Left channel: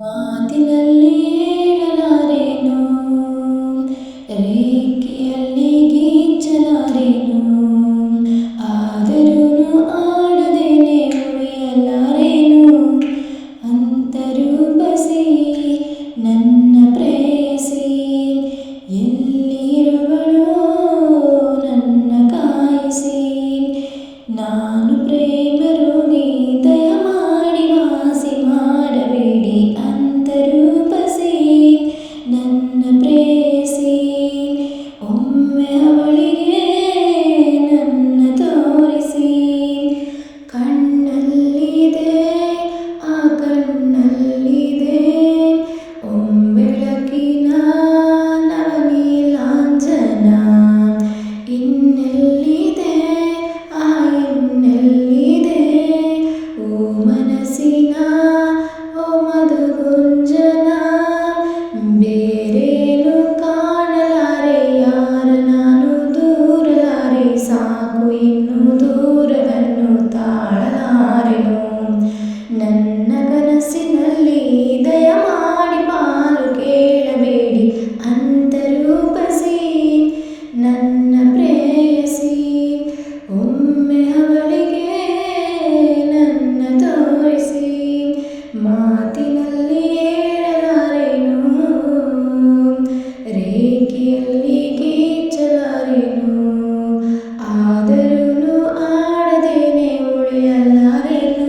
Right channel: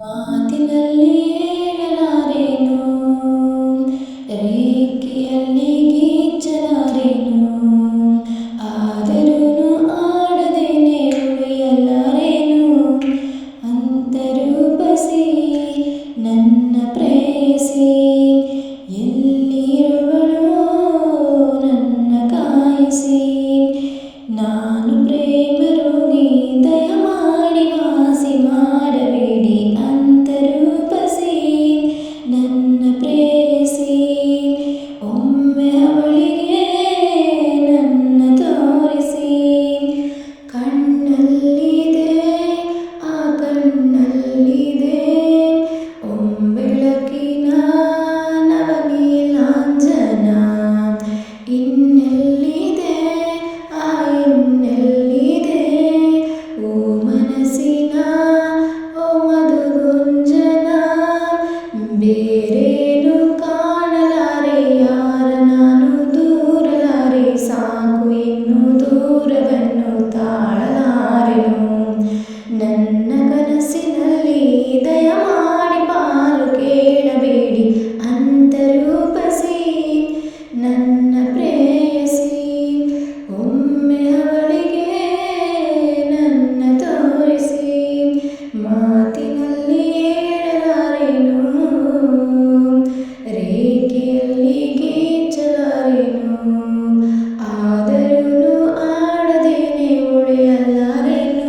ಮಾತಿನಲ್ಲಿ ಹೇಳಲಾರೆನು, ರೇಖೆಯಲ್ಲಿ ಗೀಚಲಾರೆನು, ಆದರೂನು ಆಡದೇನೆ ಉಳಿಯಲಾರೆನು. ಅಂತರೂಪಸಿ ನನ್ನ ಪ್ರೇಯಸಿ, ಎಲ್ಲಿರುವಳೋ ನನ್ನ ಕಾಯಿಸಿ. ನಾನು ಪ್ರೇಮ ರೋಗಿ, ದಯಮಾಡಿ ವಾಸಿ ಮಾಡಬೇಡಿ. ಅಂತರೂಪಸಿ ನನ್ನ ಪ್ರೇಯಸಿ, ಒಮ್ಮೆ ಅವಳಿಗೆ ನನ್ನ ತೋರಿಸಿ. ಕಣ್ಣಲ್ಲಿದೆ ಆ ಕಣ್ಣಲ್ಲಿದೆ ಒಂಬೆಳಕಿನ ನವನೀಲಾಂಜನ. ಇನ್ನೆಲ್ಲಿದೆ ಆ ಇನ್ನೆಲ್ಲಿದೆ ಓ ಮನಸ್ಸಿನ ಓ ಮಧುಗುಂಜನ. ಬೇರೇನು ಕಾಣಲಾರೆ ಯಾರ ನಾನು ದೂರಲಾರೆ, ಸಾಕು ಇನ್ನು ದೂರವನ್ನು ತಾಳಲಾರೆನು. ನನ್ನ ಕನಸಿನಲ್ಲಿ ದಯಮಾಡಿ ಪಾಲು ಕೇಳಬೇಡಿ. ಅಂತರೂಪಸಿ ನನ್ನ ಪ್ರೇಯಸಿ, ಒಮ್ಮೆ ಅವಳಿಗೆ ನನ್ನ ತೋರಿಸಿ. ಮಾತಿನಲ್ಲಿ ಹೇಳಲಾರೆನು, ರೇಖೆಯಲ್ಲಿ ಗೀಚಲಾರೆನು, ಆದರೂನು ಆಡದೇನೆ ಉಳಿಯಲಾರೆನು.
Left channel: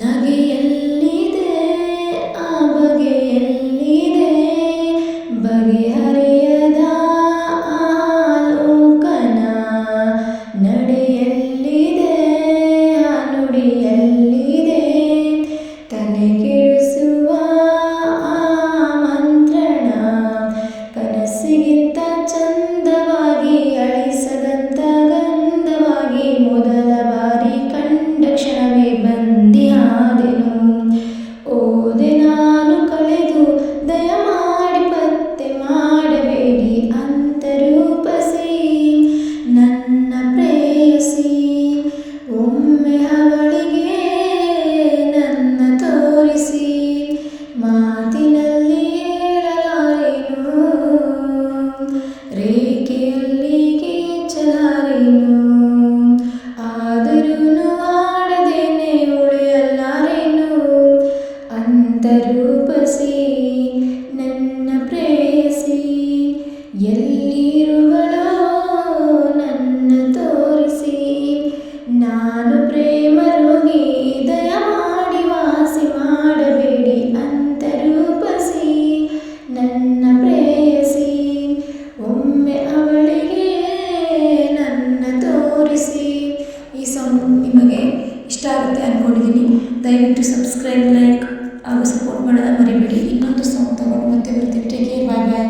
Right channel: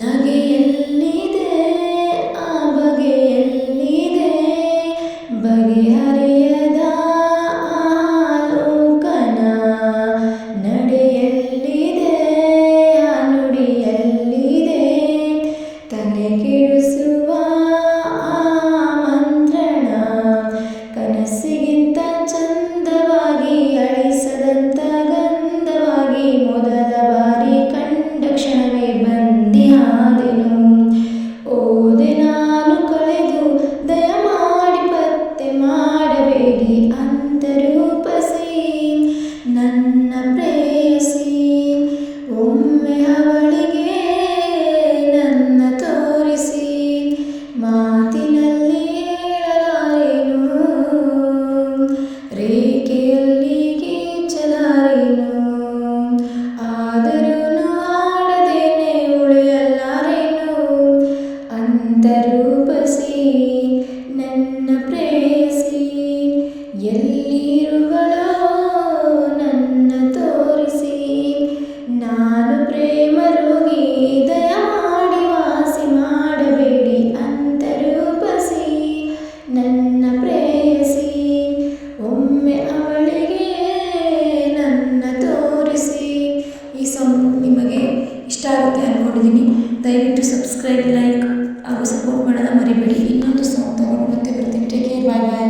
ನಗೆಯಲ್ಲಿದೆ ಆ ಬಗೆಯಲ್ಲಿದೆ ಬಗೆಹರಿಯದ ಆಲೋಕನ. ನಡೆಯಲ್ಲಿದೆ ಆ ನುಡಿಯಲ್ಲಿದೆ ತಲೆ ಕೆಡಿಸುವ ಆ ಮಂತ್ರಣ. ಕನಸಿಗಿಂತ ಚಂದವಾಗಿ ಅಳಿಸದಂತ ಗಂಧವಾಗಿ, ಮೊದಲ ಬಾರಿ ಕಂಡ ಕ್ಷಣವೇ ಬಂದಿಯಾದೆನು. ಓದೆ ನಾನು ಕಳೆದು ದಯಮಾಡಿ ಪತ್ತೆ ಮಾಡಬೇಡಿ. ಅಂತರೂಪಸಿ ನನ್ನ ಪ್ರೇಯಸಿ, ಒಮ್ಮೆ ಅವಳಿಗೆ ನನ್ನ ತೋರಿಸಿ. ಮಾತಿನಲ್ಲಿ ಹೇಳಲಾರೆನು, ರೇಖೆಯಲ್ಲಿ ಗೀಚಲಾರೆನು, ಆದರೂನು ಆಡದೇನೆ ಉಳಿಯಲಾರೆನು. ಅಂತರೂಪಸಿ ನನ್ನ ಪ್ರೇಯಸಿ, ಎಲ್ಲಿರುವಳೋ ನನ್ನ ತೋರಿಸಿ. ನಾನು ಪ್ರೇಮ ರೋಗಿ, ದಯಮಾಡಿ ವಾಸಿ ಮಾಡಬೇಡಿ. ಅಂತರೂಪಸಿ ನನ್ನ ಪ್ರೇಯಸಿ, ಒಮ್ಮೆ ಅವಳಿಗೆ ನನ್ನ ತೋರಿಸಿ. ಈ ಸಾಂಗ್ ನಿಮಗೆ ಇಷ್ಟ ಆಗುತ್ತೆ ಅಂದ್ಕೊಂಡಿದ್ದೀನಿ. ದಯವಿಟ್ಟು ಸಬ್ಸ್ಕ್ರೈಬ್, ಲೈಕ್ ಹಾಗೂ ಸಪೋರ್ಟ್ ಮಾಡೋದ ಮರಿಬೇಡಿ. ಇನ್ನೊಂದು ಸಾಂಗ್ ತಗೊಂಡು ಮತ್ತೆ ಬರ್ತೀನಿ. ಟೇಕ್ ಕೇರ್, ಬಾಯ್ ಬಾಯ್.